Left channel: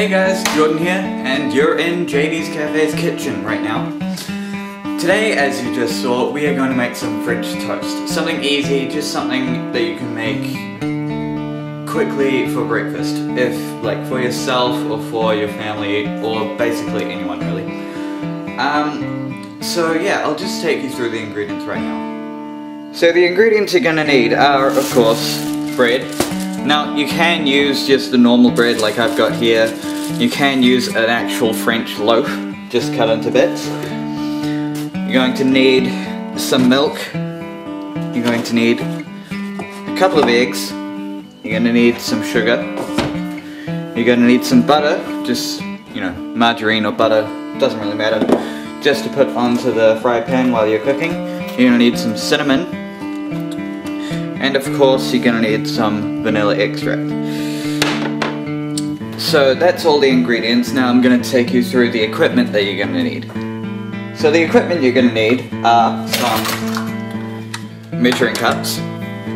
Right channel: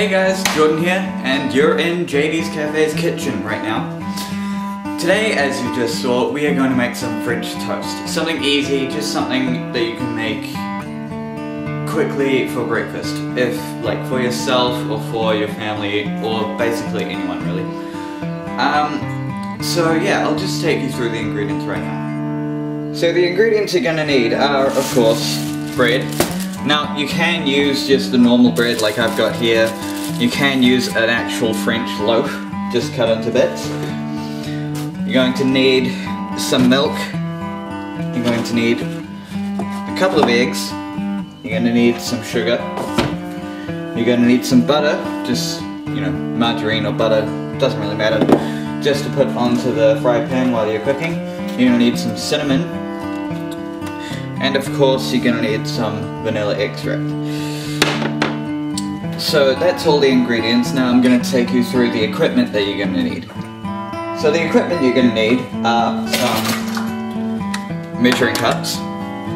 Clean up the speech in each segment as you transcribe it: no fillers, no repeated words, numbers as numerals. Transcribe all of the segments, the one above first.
Hey guys, Jordan here, and you're in JD's Cafe's kitchen right now. Today, as you just saw, we are going to make some French toast. Something easy, just something that you can make quickly for breakfast. If, like, for yourself or for your family, or basically anyone really. So yeah, I'll just take you through the ingredients right now. So the ingredients you're gonna need are, of course, bread. Now, you can use just the normal bread like I've got here. You can use an actual French loaf, just cut into bits. You're going to need some milk. You're going to need a couple of eggs. You're going to need some sugar. You're going to need some butter, just, you know, margarine or butter, doesn't really matter, just to put onto the fry pan while you're cooking. You're going to need some cinnamon. And of course, you're going to need some vanilla extract. So that's all the ingredients. Now I'm going to take you through the equipment that you're going to need. So the equipment you're going to need are some measuring cups.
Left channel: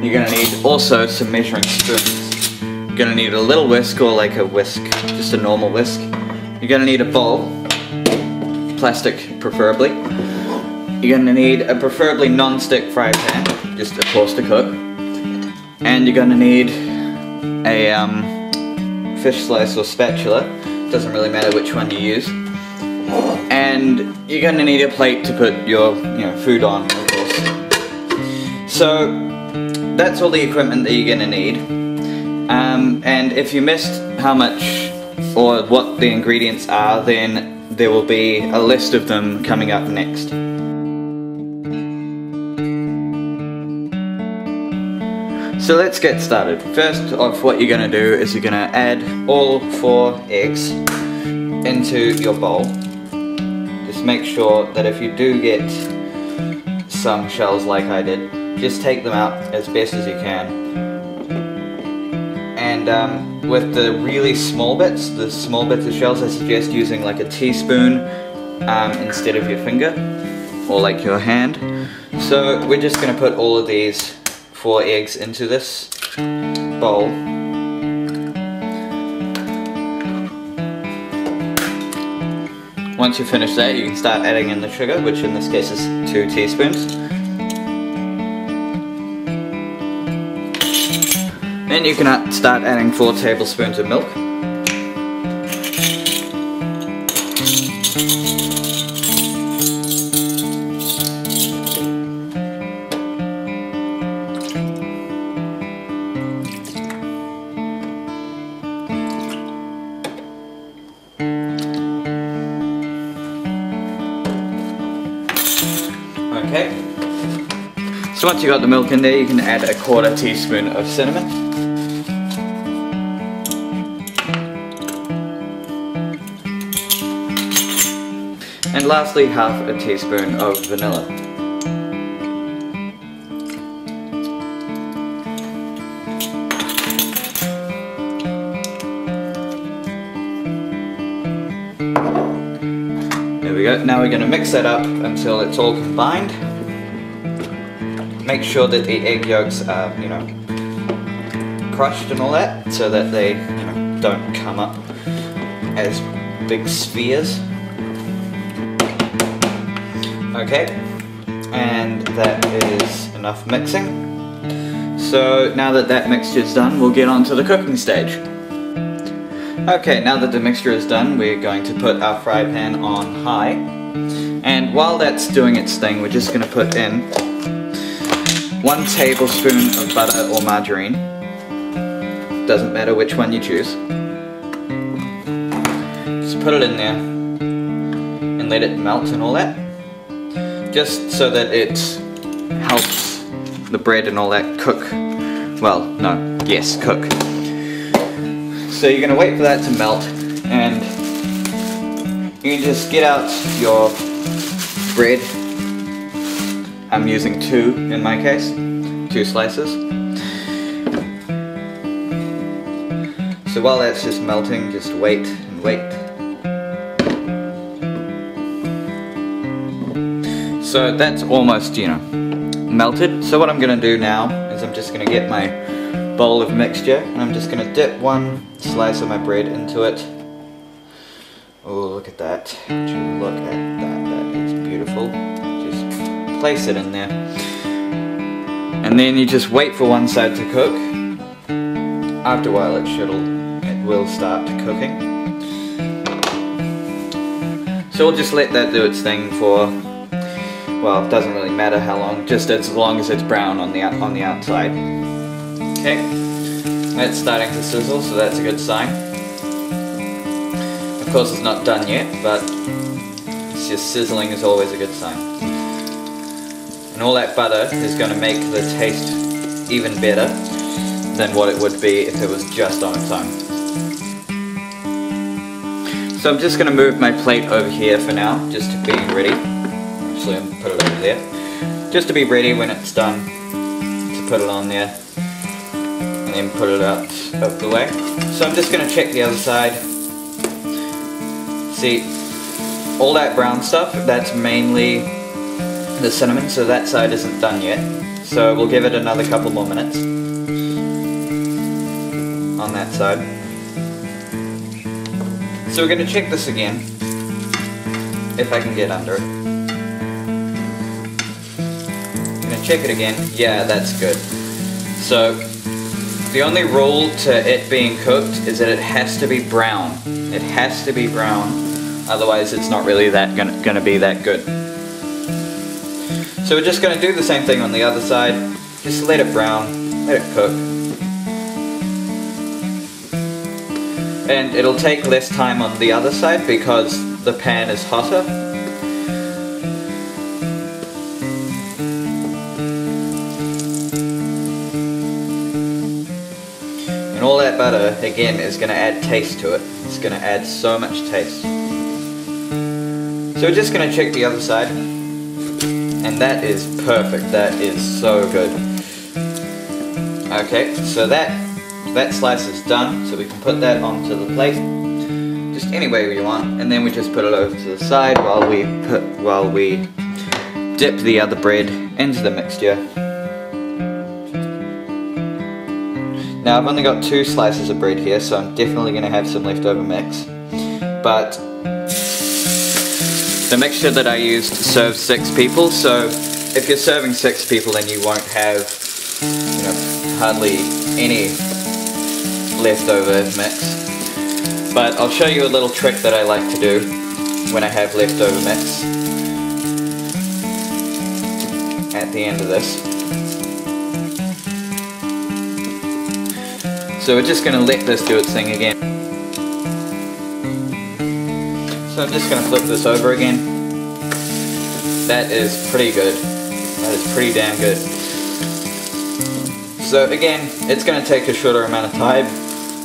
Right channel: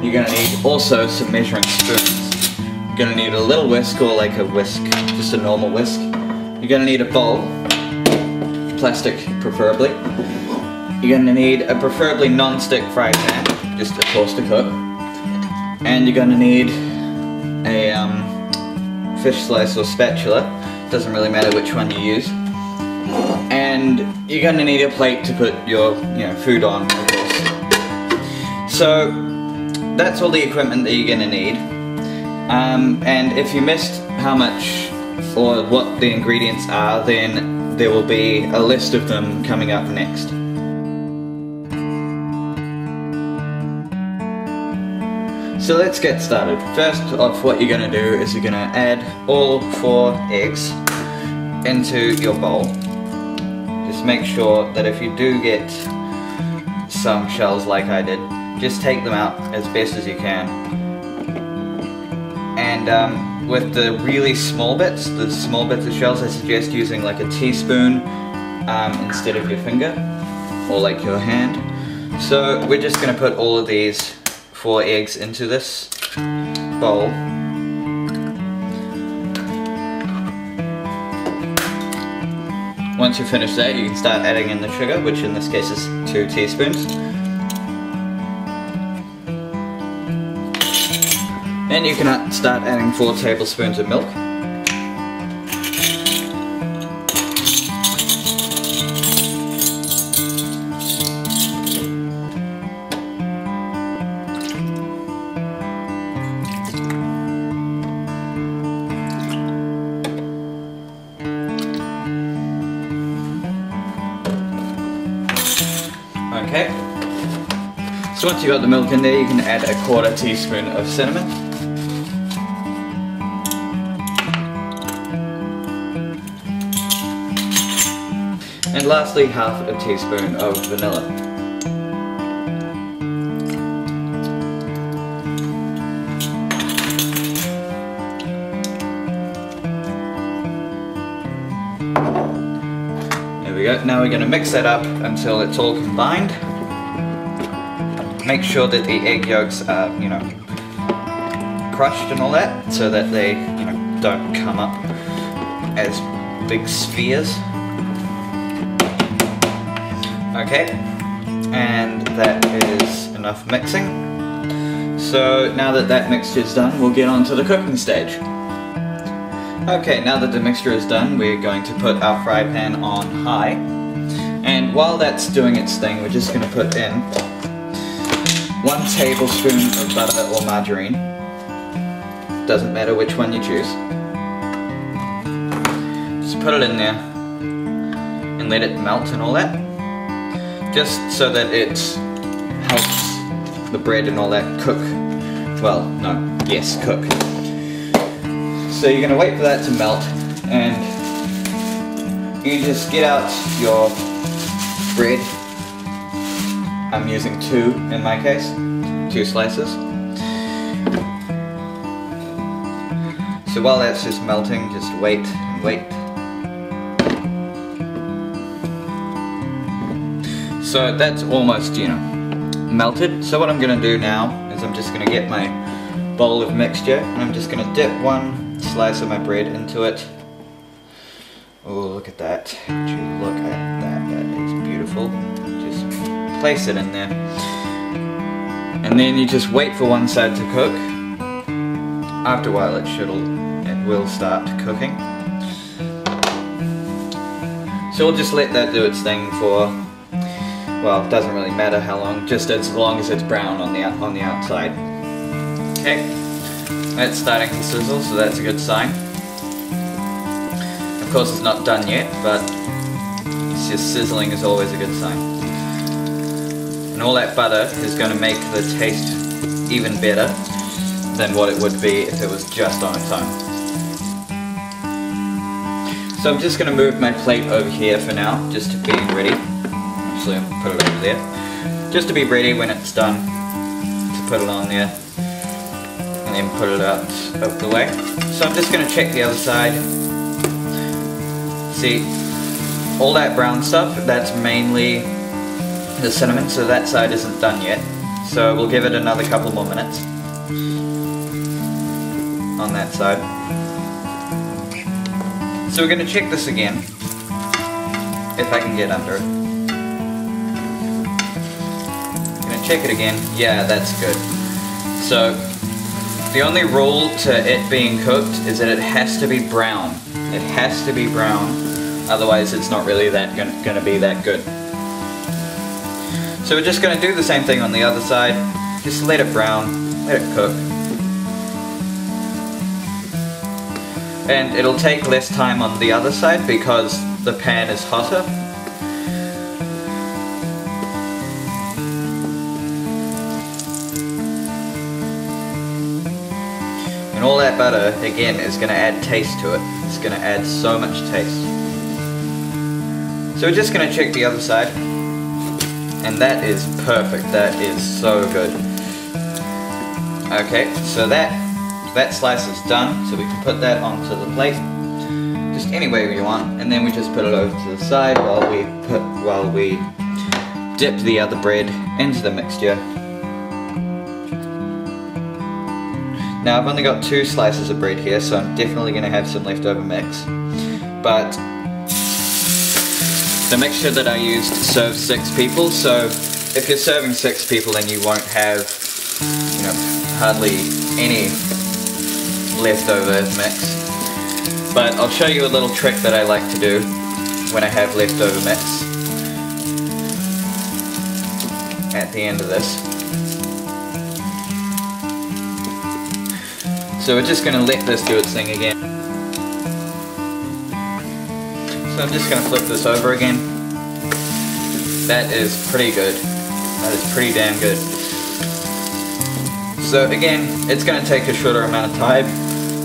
You're going to need also some measuring spoons. You're going to need a little whisk, or like a whisk, just a normal whisk. You're going to need a bowl, plastic preferably. You're going to need a preferably non-stick fry pan, just of course to cook. And you're going to need a fish slice or spatula, doesn't really matter which one you use. And you're going to need a plate to put your food on, of course. So that's all the equipment that you're going to need. And if you missed how much or what the ingredients are, then there will be a list of them coming up next. So let's get started. First off, what you're going to do is you're going to add all 4 eggs into your bowl. Just make sure that if you do get some shells like I did, just take them out as best as you can. And with the really small bits, the small bits of shells, I suggest using like a teaspoon instead of your finger or like your hand. So we're just going to put all of these 4 eggs into this bowl. Once you finish that, you can start adding in the sugar, which in this case is 2 teaspoons. Then you can start adding 4 tablespoons of milk. Okay, so once you got the milk in there, you can add a 1/4 teaspoon of cinnamon. And lastly, 1/2 teaspoon of vanilla. There we go. Now we're going to mix that up until it's all combined. Make sure that the egg yolks are, crushed and all that, so that they, don't come up as big spheres. Okay, and that is enough mixing. So now that that mixture's done, we'll get on to the cooking stage. Okay, now that the mixture is done, we're going to put our fry pan on high. And while that's doing its thing, we're just going to put in 1 tablespoon of butter or margarine. Doesn't matter which one you choose. Just put it in there and let it melt and all that. Just so that it helps the bread and all that cook. Well, no, yes, cook. So you're going to wait for that to melt, and you can just get out your bread. I'm using 2 in my case, 2 slices. So while that's just melting, just wait and wait. So that's almost, melted. So what I'm going to do now is I'm just going to get my bowl of mixture, and I'm just going to dip 1 slice of my bread into it Oh, look at that. Would you look at that? That is beautiful. Just place it in there. And then you just wait for one side to cook. After a while it will start cooking. So we'll just let that do its thing for, well, it doesn't really matter how long, just as long as it's brown on the outside. Okay, that's starting to sizzle, so that's a good sign. Of course it's not done yet, but it's just sizzling is always a good sign. And all that butter is going to make the taste even better than what it would be if it was just on its own. So I'm just going to move my plate over here for now, just to be ready. Actually, I'll put it over there. Just to be ready when it's done, to put it on there, and then put it out of the way. So I'm just going to check the other side. See, all that brown stuff, that's mainly the cinnamon, so that side isn't done yet. So we'll give it another couple more minutes on that side. So we're going to check this again, if I can get under it. I'm going to check it again. Yeah, that's good. So the only rule to it being cooked is that it has to be brown. It has to be brown, otherwise it's not really going to be that good. So we're just going to do the same thing on the other side. Just let it brown, let it cook. And it'll take less time on the other side because the pan is hotter. And all that butter, again, is going to add taste to it. It's going to add so much taste. So we're just going to check the other side. And that is perfect. That is so good. Okay, so that slice is done, so we can put that onto the plate, just any way we want, and then we just put it over to the side while we dip the other bread into the mixture. Now I've only got 2 slices of bread here, so I'm definitely going to have some leftover mix, but the mixture that I used serves 6 people, so if you're serving 6 people then you won't have, you know, hardly any leftover mix. But I'll show you a little trick that I like to do when I have leftover mix at the end of this. So we're just going to let this do its thing again. So I'm just going to flip this over again. That is pretty good. That is pretty damn good. So again, it's going to take a shorter amount of time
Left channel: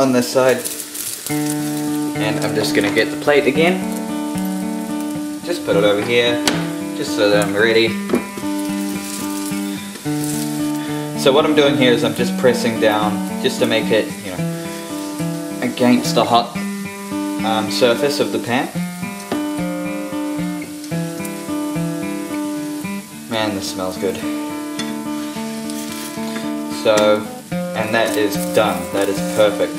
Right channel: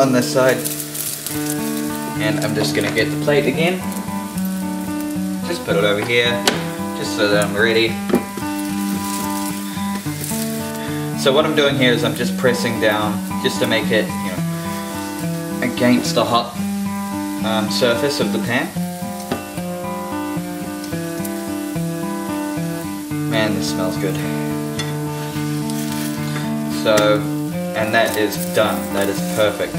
on this side. And I'm just going to get the plate again. Just put it over here, just so that I'm ready. So what I'm doing here is I'm just pressing down just to make it, you know, against the hot surface of the pan. Man, this smells good. So, and that is done. That is perfect.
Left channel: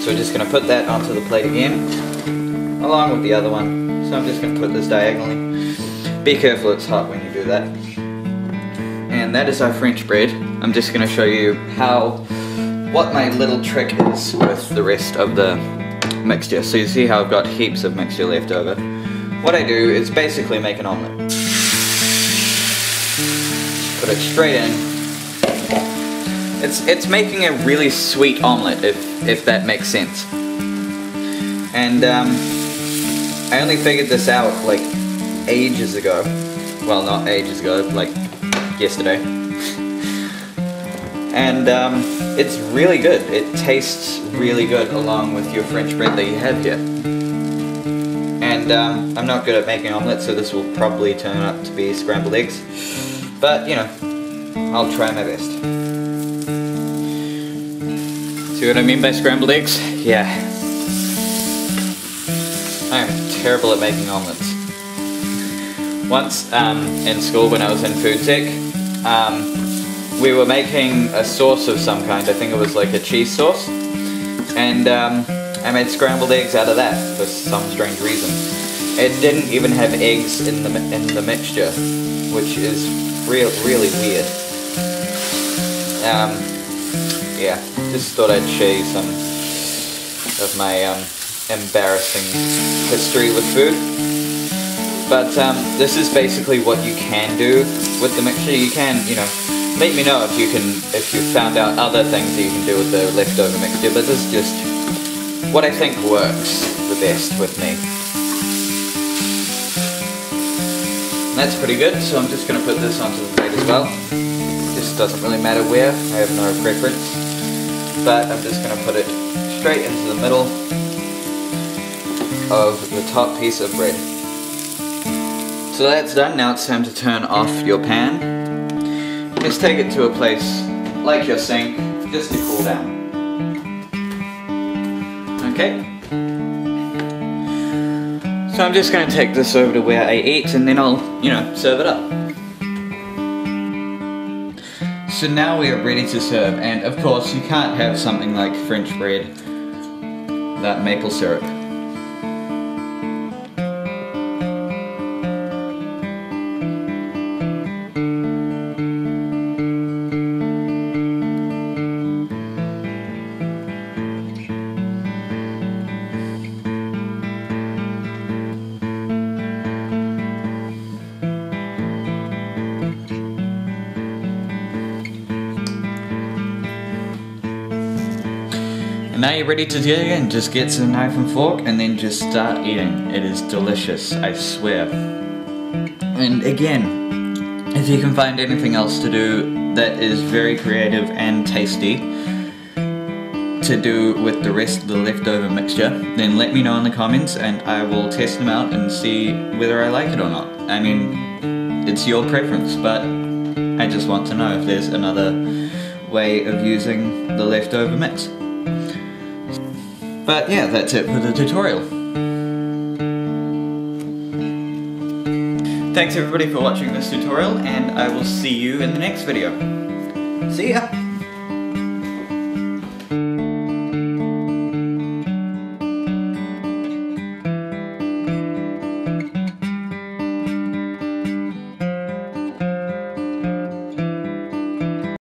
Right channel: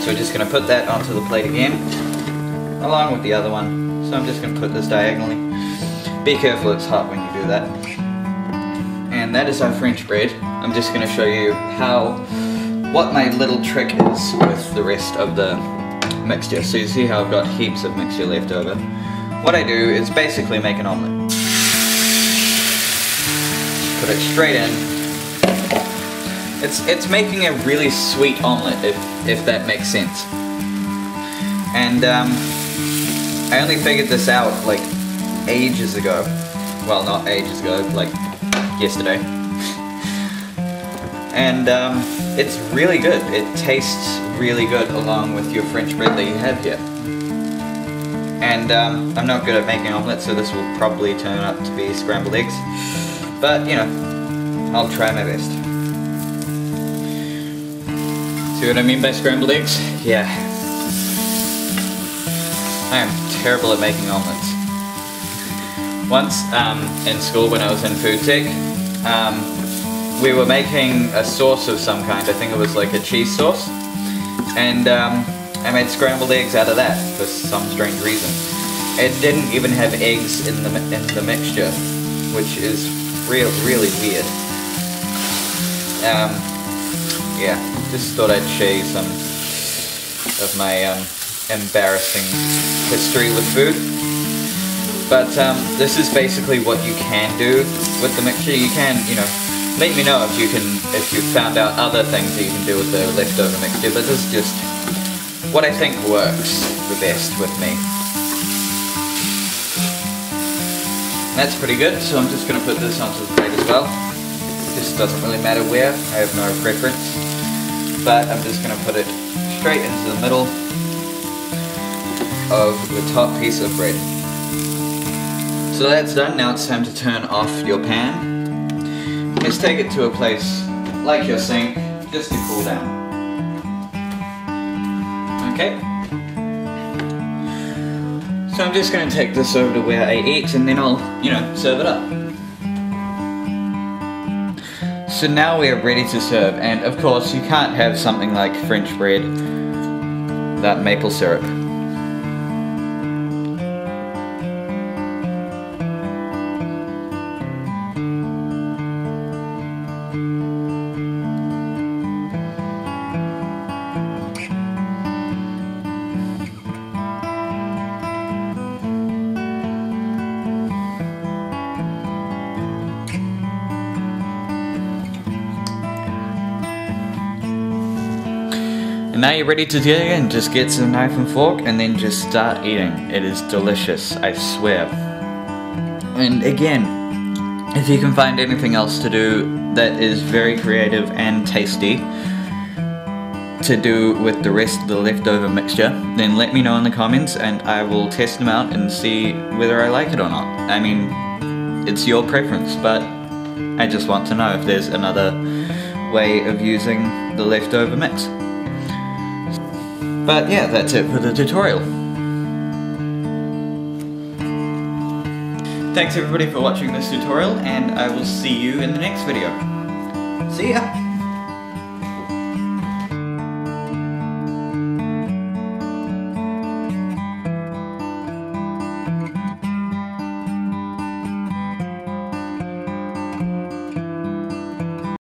So we're just going to put that onto the plate again, along with the other one. So I'm just going to put this diagonally. Be careful, it's hot when you do that. And that is our French bread. I'm just going to show you what my little trick is with the rest of the mixture. So you see how I've got heaps of mixture left over. What I do is basically make an omelette. Put it straight in. It's making a really sweet omelette, if that makes sense. And I only figured this out like ages ago. Well, not ages ago, like yesterday. And it's really good. It tastes really good along with your French bread that you have here. And I'm not good at making omelettes, so this will probably turn out to be scrambled eggs. But, you know, I'll try my best. See what I mean by scrambled eggs? Yeah. I am terrible at making omelettes. Once in school when I was in food tech, we were making a sauce of some kind. I think it was like a cheese sauce. And I made scrambled eggs out of that for some strange reason. It didn't even have eggs in the mixture, which is really weird. Yeah, just thought I'd show you some of my embarrassing history with food. But this is basically what you can do with the mixture. You can, you know, let me know if you've found out other things that you can do with the leftover mixture, but this is just what I think works the best with me. That's pretty good, so I'm just going to put this onto the plate as well. This doesn't really matter where, I have no preference, but I'm just going to put it straight into the middle of the top piece of bread. So that's done. Now it's time to turn off your pan. Let's take it to a place like your sink, just to cool down. Okay. So I'm just going to take this over to where I eat, and then I'll, you know, serve it up. So now we are ready to serve, and of course you can't have something like French bread without maple syrup. And now you're ready to dig in. Just get some knife and fork and then just start eating. It is delicious, I swear. And again, if you can find anything else to do that is very creative and tasty to do with the rest of the leftover mixture, then let me know in the comments and I will test them out and see whether I like it or not. I mean, it's your preference, but I just want to know if there's another way of using the leftover mix. But yeah, that's it for the tutorial. Thanks everybody for watching this tutorial, and I will see you in the next video. See ya!